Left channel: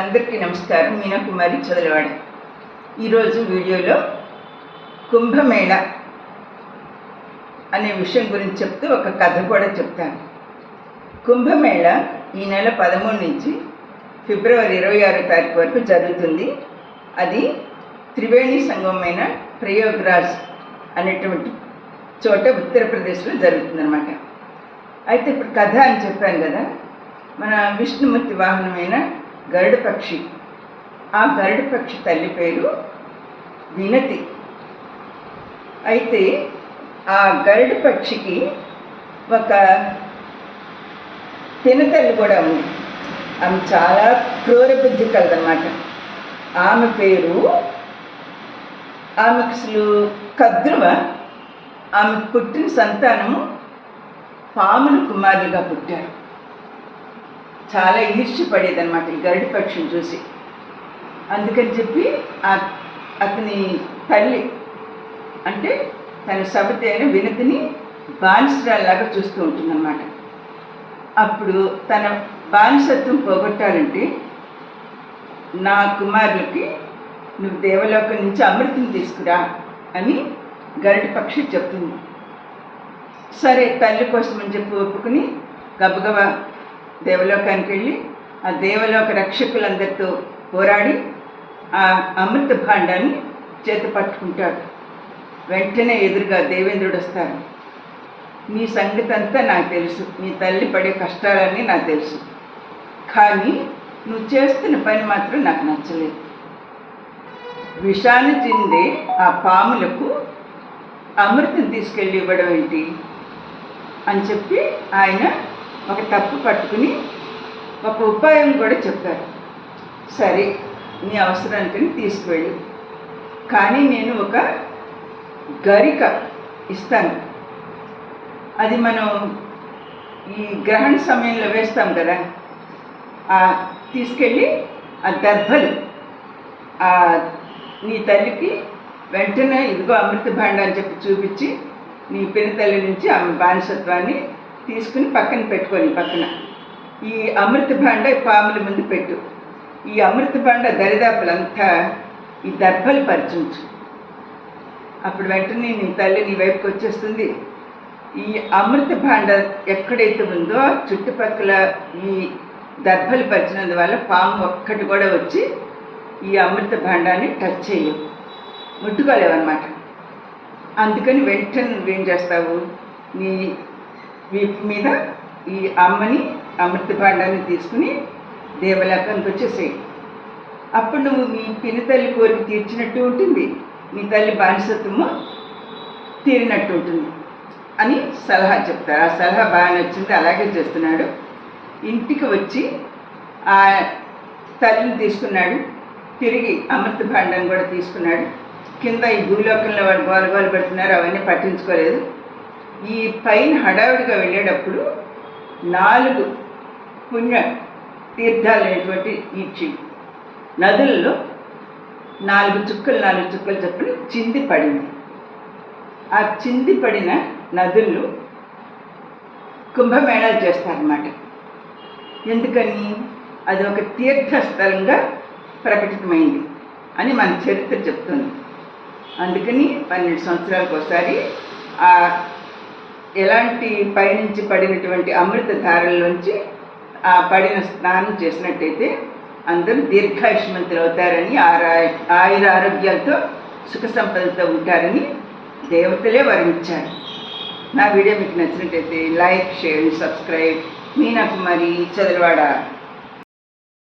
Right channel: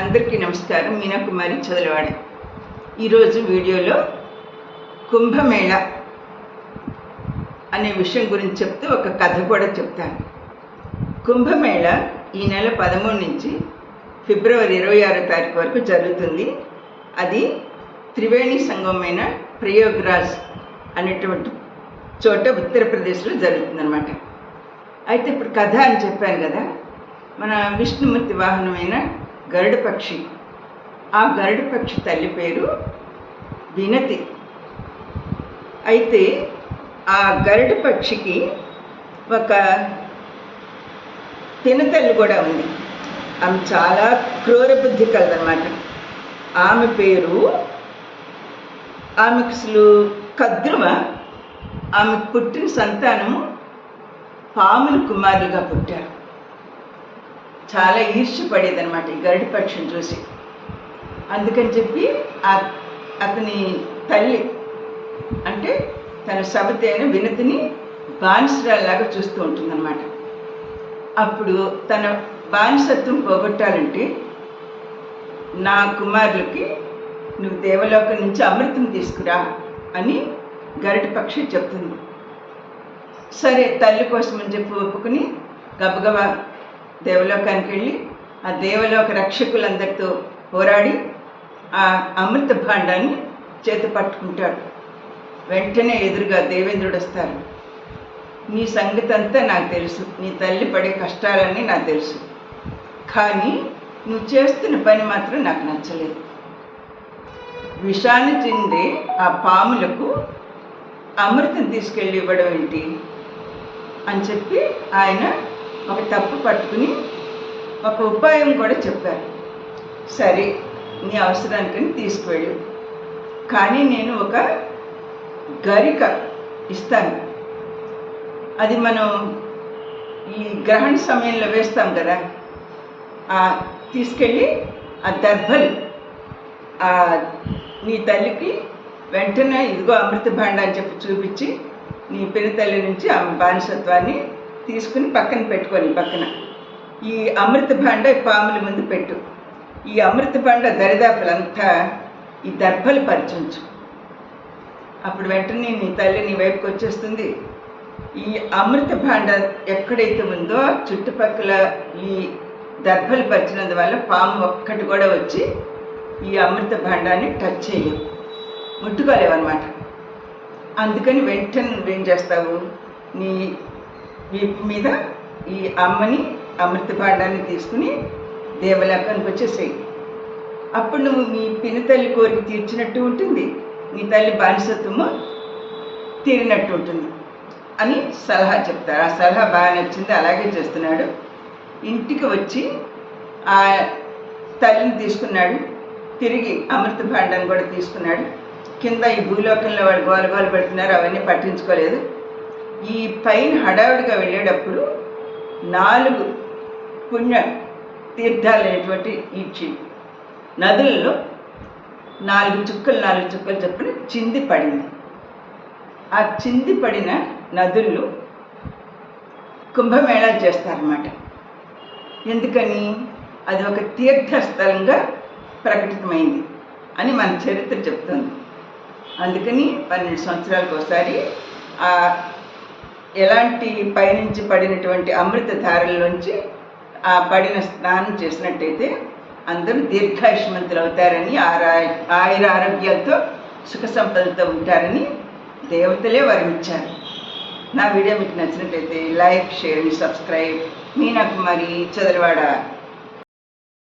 అందరికీ నమస్కారం. మీనా కుమారి చదలవాడి. ఈరోజు వీడియోలో కుంభమేళ అనే విషయం గురించి చెప్తూ ఒక కథ కూడా చెప్తాను. కుంభమేళ ఈ నెల 13 నుంచి ఫిబ్రవరి 26వ తారీఖు వరకు జరుగుతుంది. అది త్రివేణి సంగమమైన ప్రయాగ్రాజ్ అనేటువంటి చోట ఉత్తరప్రదేశ్లో జరుగుతుందన్నమాట. అయితే ఇప్పుడు కథ అని చెప్పాను కదా, మన విష్ణుమూర్తి వాహనమైన గరుడ పక్షి, ఆ గరుడ పక్షి తల్లి పేరు వినతి. అయితే ఆ గరుడ పక్షికి ఒక తినతల్లి కూడా ఉంది. ఆమె చాలా క్రూర బుద్ధి కలదన్నమాట. ఆమె పేరు ఆమెకు అసలు కద్రువ. ఆమె పుట్టిన సంతానము పాముల కుమారులుగా పుట్టారు. చాలా ఈర్ష్యపడేదన్నమాట ఈ గరుడ పక్షిని చూసి. అందుకని చెప్పి అతని తల్లి అంటే తన సబతి అయిన వినతిని బానిసరాల్లాగా చూస్తూ ఉంటుందన్నమాట. అప్పుడు తన బానిసత్వం పోగొట్టాలంటే నా కుమారులకి నువ్వు దేవలోకం నుంచి అమృతం తీసుకురా అని గరుడ పక్షి చెప్తుంది. సరే తల్లి కోసం అని చెప్పి ఒప్పుకుని గబగబా దేవలోకానికి వెళ్ళి ఆ దేవలోక రక్షకులందరితో పోరాడి ఆ అమృత భాండాన్ని చేతి పట్టుకుంటాడు. వెంటనే ఎదురుగా దేవేంద్రుడు వస్తారు. నీ సంగతి అంతా నాకు తెలుసు, నీ తల్లి పడే కష్టాలన్నీ నాకు తెలుసు, కానీ నువ్వు చేస్తున్న పని మాత్రం నాకు నచ్చలేదు. విషాన్ని చెందే ఆ పాములకు అమృతం తీసుకెళ్ళి ఇవ్వడం ఏంటి అని చెప్పి ఆయన ఒక తప్పు పట్టుకుని ఒక ఉపాయం కూడా చెప్పారు. సరే నీ అవసరానికి తీసుకువెళ్ళు, కానీ నేను ఒక గరిక ఇస్తాను. అది మనం ఈ గ్రహణ సమయంలో వేస్తాం కదా, తీసుకెళ్ళి ఆ దర్భలు నీ తల్లికి వెంటనే ఇదిగో అమృత భాండ అని చెప్పి చూపించి నీ పినతల్లి నుంచి ఆమె బానిసత్వాన్ని తీసుకుని పక్కన పెట్టుకొని పక్కన ఈ అమృత భాండ పాముల ముందు పెట్టు. ఈ అమృత భాండ దరిదాపులంతా ఈ దర్భలు పరిచించు. అప్పుడు వెంటనే నీ తల్లి నీ వైపుకి వచ్చేస్తుంది. ఈ అమృత భాండ ఎక్కడైతే ఉందో చుట్టుపక్కల ఈ దర్భలు పరిచినందువల్ల పాము ఒక్కటి కూడా వచ్చి ఈ అమృత భాండాన్ని టచ్ చేయవు, ముట్టుకోలేవన్నమాట. అందుకని వెంటనే నువ్వేం చేస్తావు, నీ వీపు మీద ఈ అమ్మని అమృత భాండాన్ని తీసుకుని దేవలోకానికి వచ్చేసేయి. అప్పుడు నువ్వు నీ పినతల్లి కోరిక తీర్చినట్టు ఉంటుంది, నీ తల్లి బానిసత్వము తీరినట్టు ఉంటుంది అని సలహా చెప్తారు. ఆ సలహా బాగా నచ్చింది, అలాగే చేస్తున్నాడు. ఇంటికి వచ్చి ఆ తల్లిని తీసుకున్నాడు, తిరిగి అమృత భాండాన్ని కూడా తీసుకున్నాడు. కింద ఈ భూలోకంలో వాడు గోలగోలు పెడుతున్నారు, అవన్నీ పట్టించుకోలేదు. ఈ పైన హడావిడిగా వెళ్ళేటప్పుడు 4 పుణ్య తీర్థాలు అనేటువంటి ఈ నదులలో 4 చుక్కలు చొప్పున చింది పడింది. ఆ చింది పడిన నదులు కుంభమేళాలు చేస్తారన్నమాట. ఎందుకని అది ఒక తీర్థస్థలంగా ప్రకటితమైంది అని మన చరిత్ర చెప్తుంది. అందుకని 12 సంవత్సరాలకు ఒకసారి ఎలాంటి పైనుంచి పడినటువంటి అమృత ధారల్లోంచి పడిన స్నానం చేసినట్టయితే అందరూ దీర్ఘాయుష్మంతులు అవుతారని, ఆయుర ఆరోగ్యాలతో సుఖ సంపదలతో ఉంటారని దేవతలే వరమిచ్చారు. నా వీడియో మీకు నచ్చినట్టయితే లైక్, షేర్, సబ్స్క్రైబ్. మీనా కుమారి చదలవాడ.